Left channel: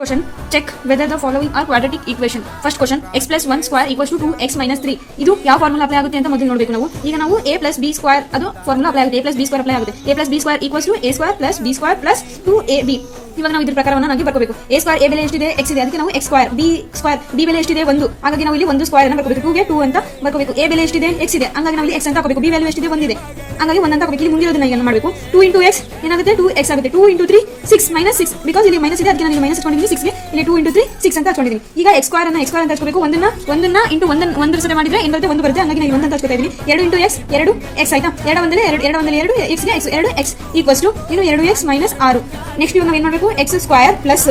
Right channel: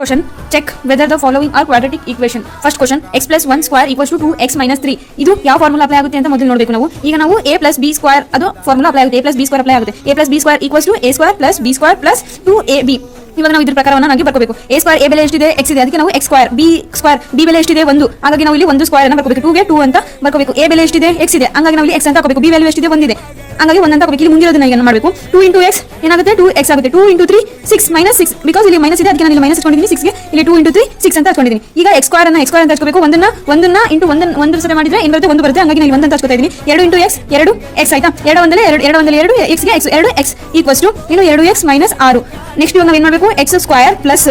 Question. Check whether the following are quadratic equation. First question. X plus 1 square equals to 2x minus 3. ಇದು ಯಾವ formula apply ಆಗುತ್ತೆ ಅಂತ ಮೊದಲು ನೋಡಬೇಕು ನಾವು. ಈಗ ನಾವು a plus b square ಅದು ಫಾರ್ಮುಲಾ ಅಪ್ಲೈ ಆಗುತ್ತೆ. a plus b square apply ಆಗುತ್ತೆ. a plus b square equals to a square plus b square plus 2ab. ಇವಾಗ ನಾವು ಇದ್ರ ಪ್ರಕಾರವನ್ನು ನಾವು ಬರ್ಕೋಬೇಕು. a square a ಬೆಲೆ ಎಷ್ಟಿದೆ x ಇದೆ, ಅದಕ್ಕೆ ನಾವು x square b ಬೆಲೆ ಎಷ್ಟಿದೆ 1, ಹಾಗಾಗಿ ನಾವು ಇಲ್ಲಿ 1 ಸ್ಕ್ವೇರ್ ಅನ್ನು ಬರ್ಕೋಬೇಕು. 2 ಗೆ 2 ಅಂತ ಬರ್ಕೋಬೇಕು. a ಬೆಲೆ ಎಷ್ಟಿದೆ x ಇದೆ, ಹಾಗಾಗಿ ನಾವು ಇಲ್ಲಿ x ಅಂತ ಹಾಕಬೇಕು. b ವ್ಯಾಲ್ಯೂ ಎಷ್ಟಿದೆ 1 ಇದೆ, ಹಾಗಾಗಿ 1 ಅಂತ ಹಾಕಬೇಕು. ಇಲ್ಲಿ ಮುಂದಿರೋದನ್ನ ಈಗ ಮಾಡಬೇಕು. 2 into x ಏನಾಗುತ್ತೆ 2x ಆಗುತ್ತೆ. 2 into 3 6 minus 6 ಬಿಕಾಸ್ ಇಲ್ಲಿ ಮೈನಸ್ ಇದೆ, ಅದಕ್ಕೆ ನಾನು ಇಲ್ಲಿ ಮೈನಸ್ ಇಟ್ಕೊಂಡಿದ್ದೀನಿ 6 ಗೆ. ಇಲ್ಲಿ 2 into 3 6 ಅಂತ ಹಾಕೊಂಡಿದ್ದೀನಿ. ಈಗ x square ಅನ್ನು ಅಂತ ಹಾಕಬೇಕು. ಒಂದನ್ನ ಇಂಟು ಒಂದು ಸಲ ಮಾಡಿದ್ರೆ ಏನು ಬರುತ್ತೆ 1 ಬರುತ್ತೆ, ಹಾಗಾಗಿ ನಾನು 1 ಅಂತ ಹಾಕೋತಾ ಇದ್ದೀನಿ. 2 into x 2x ಆಯ್ತಾ. 2 ಒಂದಲೇ 2 x ಗೆ 2x ಈಕ್ವಲ್ಸ್ ಟು ಇನ್ನು 2x minus 6. ನೆಕ್ಸ್ಟ್ ಇವಾಗ ನಾವು ಏನು ಮಾಡಬೇಕು x ಸ್ಕ್ವೇರ್ ಪ್ಲಸ್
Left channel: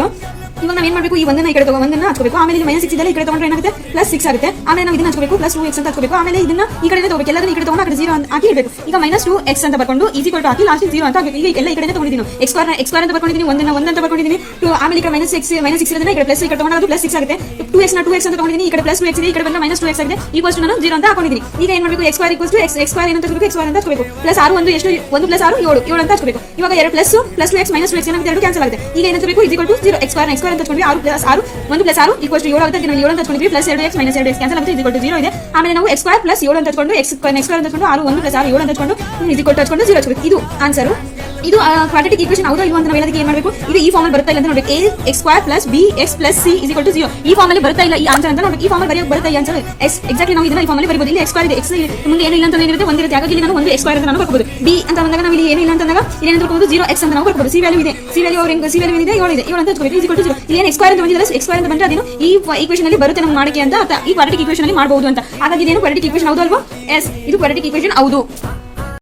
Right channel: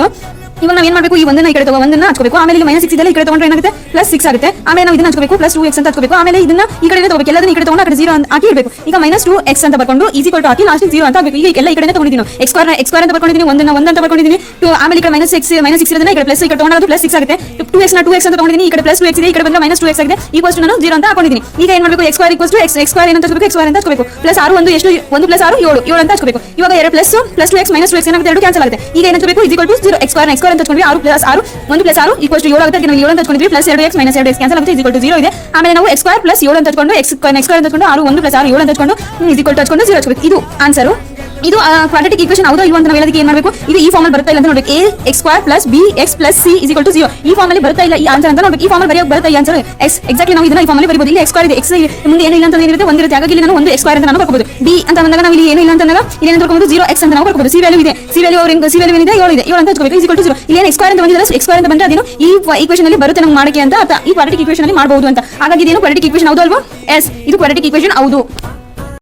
ಇವಾಗ ನಾವು ಏನು ಮಾಡಬೇಕು ಈ ಒಂದನ್ನ ಈ ಕಡೆ ಒಂದನ್ನ ಹಚ್ಕೋಬೇಕು. ಆಮೇಲೆ ಇಲ್ಲಿ ಮೈನಸ್ 6 ಇದೆ, ಈ ಕಡೆ ತಗೊಂಡ್ರೆ ಏನಾಗುತ್ತೆ ಪ್ಲಸ್ 6 ಆಗುತ್ತೆ. ಆಮೇಲೆ ನಾವು ಇದನ್ನ ಹಚ್ಕೋಬೇಕು ಪ್ಲಸ್ 2x ಅಂತ ಹಚ್ಕೋಬೇಕು. ಆಮೇಲೆ ಇದನ್ನ ಈ ಕಡೆ ತಗೋಬೇಕು, ಎಲ್ಲದನ್ನ ಈ ಕಡೆ ತಗೊಂಡು ಆ ಕಡೆ 0 ಅಂತ ಹಾಕಿ ಇಡಬೇಕು. ಈಗ ಮೈನಸ್ 2x ಅಂತ ಬರ್ಕೊಂಡು ಈಕ್ವಲ್ ಟು ಹಾಕಿ ಲಾಸ್ಟ್ 0 ಅಂತ ಹಾಕಬೇಕು. ಈಗ ಎಲ್ಲ ಈ ಕಡೆ ತಗೊಂಡಿದ್ದೀನಿ x ಸ್ಕ್ವೇರ್ ಅಂತ ಬರ್ಕೊಂಡಿದ್ದೀನಿ, ಒಂದನ್ನ 1 ಅಂತ ಬರ್ಕೊಂಡಿದ್ದೀನಿ. ಆಮೇಲೆ ಈ ಕಡೆ ಮೈನಸ್ 6 ಇರೋದನ್ನ ಈ ಕಡೆ ಪ್ಲಸ್ ಈ ಕಡೆ ತಗೊಂಡು ಪ್ಲಸ್ 6 ಆಗುತ್ತೆ. 2x ಅಂತ ತಗೊಂಡಿದ್ದೀನಿ, ಈ ಕಡೆ ಪ್ಲಸ್ 2x ಇದೆ, ಈ ಕಡೆ ಬಂದ್ರೆ ಮೈನಸ್ 2x ಆಗಿದೆ. ಈಕ್ವಲ್ಸ್ ಟು ನಾನು 0 ಅಂತ ಹಾಕೊಂಡಿದ್ದೀನಿ. ಈಗ ಏನು ಮಾಡಬೇಕು x square equals to x square ಏನಂತ ಹಚ್ಕೋಬೇಕು, x ಸ್ಕ್ವೇರ್ ಅಂತ ಹಚ್ಕೋಬೇಕು. ಪ್ಲಸ್ 6 1 ಎಷ್ಟು 1 ಪ್ಲಸ್ 6 7 ಅಂತ ಹಚ್ಕೋಬೇಕು. ಇವಾಗ 2 ಪ್ಲಸ್ 2x ಮೈನಸ್ 2x ಏನಾಗುತ್ತೆ 2 ಕ್ಯಾನ್ಸಲ್ ಆಗುತ್ತೆ. ಈಗ ಏನು ಹಚ್ಕೋಬೇಕು ಈಕ್ವಲ್ ಟು 0 x ಸ್ಕ್ವೇರ್ ಅಂತ ಹಚ್ಕೊಂಡ್ವಿ. 6 ಪ್ಲಸ್ 6 1 ಪ್ಲಸ್ 6 ಈಕ್ವಲ್ಸ್ ಟು 7 ಆಗುತ್ತೆ. ನಾವು 7 ಅಂತ ಹಚ್ಕೊಂಡಿದ್ವಿ, plus 2x minus 2x cancel ಆಗುತ್ತೆ, ಈಕ್ವಲ್ ಟು 0 ಇದೆ. ಆಮೇಲೆ ನಾವು x ಸ್ಕ್ವೇರ್ ಪ್ಲಸ್ 7 ಅಂತ ಹಚ್ಕೊಂಡು x ಸ್ಕ್ವೇರ್ ಅಂತ ಹಚ್ಕೊಂಡು 6 1 ಪ್ಲಸ್ 6 7 ಅಂತ ಹಚ್ಕೊಂಡು ಈಕ್ವಲ್ ಟು ಹಚ್ಕೊಂಡು 0 ಹಚ್ಕೋಬೇಕು. ಇದು ಆನ್ಸರ್. ಇದು ಕ್ವಾಡ್ರಾಟಿಕ್ ಈಕ್ವೇಷನ್ ಹೌದಾ ಇಲ್ವಾ ಅಂತ ನಾವು ಹೇಳೋದಕ್ಕೆ ಏನು ಮಾಡಬೇಕು, ಇದು ಈ ಫಾರ್ಮಲ್ಲಿ ಬರುತ್ತಾ ಇಲ್ಲ ಅಂತ ನೋಡಬೇಕು. a x square plus bx plus c is equal to 0 ಈ ಫಾರ್ಮಲ್ಲಿ ಬರುತ್ತಾ ಇಲ್ಲ ಈ ಆನ್ಸರ್ ಅಂತ ನೋಡಬೇಕು. ಈ ಫಾರ್ಮಲ್ಲಿ ಬರೆಯೋಕೆ ಬರುತ್ತಾ ಈ ಆನ್ಸರ್ x ಎಕ್ಸಾಕ್ಟ್ಲಿ ನಾವು ಇದನ್ನ ಈ ಫಾರ್ಮಲ್ಲಿ ಬರೀಬಹುದು. ಇಲ್ಲಿ x ಸ್ಕ್ವೇರ್ ಇದೆ, x ಮುಂದೆ ಏನು ಇಲ್ಲ ಅಂತ ಏನಿರುತ್ತೆ ಒಂದಿರುತ್ತೆ, ಹಾಗಾಗಿ ಇಲ್ಲಿ ನಾನು ಒಂದು x ಸ್ಕ್ವೇರ್ ಅಂತ ನಾನು ಬರ್ಕೋಬಹುದು. b ಅಂತ ಬಂದಾಗ ನಾವು ಇಲ್ಲಿ ಏನು ಇಲ್ಲ ಅಂತ ಅಂದಾಗ ಇಲ್ಲಿ ಏನು ಬರ್ಕೋಬಹುದು 0x ಅಂತ ನಾವು ಬರ್ಕೋಬಹುದು. c ವ್ಯಾಲ್ಯೂ ಇದೆ, c ವ್ಯಾಲ್ಯೂ ಏನಿದೆ 7 ಇದೆ, 7 ಅಂತ ಹಚ್ಕೋಬೇಕು. is equal to 0 ಇಲ್ಲಿ ಏನು x ಸ್ಕ್ವೇರ್ ಅಂತ ಬಂದಿದೆ, x ಸ್ಕ್ವೇರ್ ಅಂತ ಬಂದ್ರೆ ಅದೇನು ಈ ಈಕ್ವೇಷನ್ ಅಲ್ಲಿ ಬರುತ್ತೆ ನಮಗೆ ಮಾಡಕ್ಕೆ ಅಂತ ಈ ಕ್ವಾಡ್ರಾಟಿಕ್ ಈಕ್ವೇಷನ್ ಅಲ್ಲಿ ಮಾಡಬಹುದು ಅಂತ. ಹಾಗಾಗಿ ಇದೇನು ಕ್ವಾಡ್ರಾಟಿಕ್ ಈಕ್ವೇಷನ್ ಹೌದು ಅಲ್ವಾ? ಎಸ್, ಇದು ಕ್ವಾಡ್ರಾಟಿಕ್ ಈಕ್ವೇಷನ್ ಹೌದು.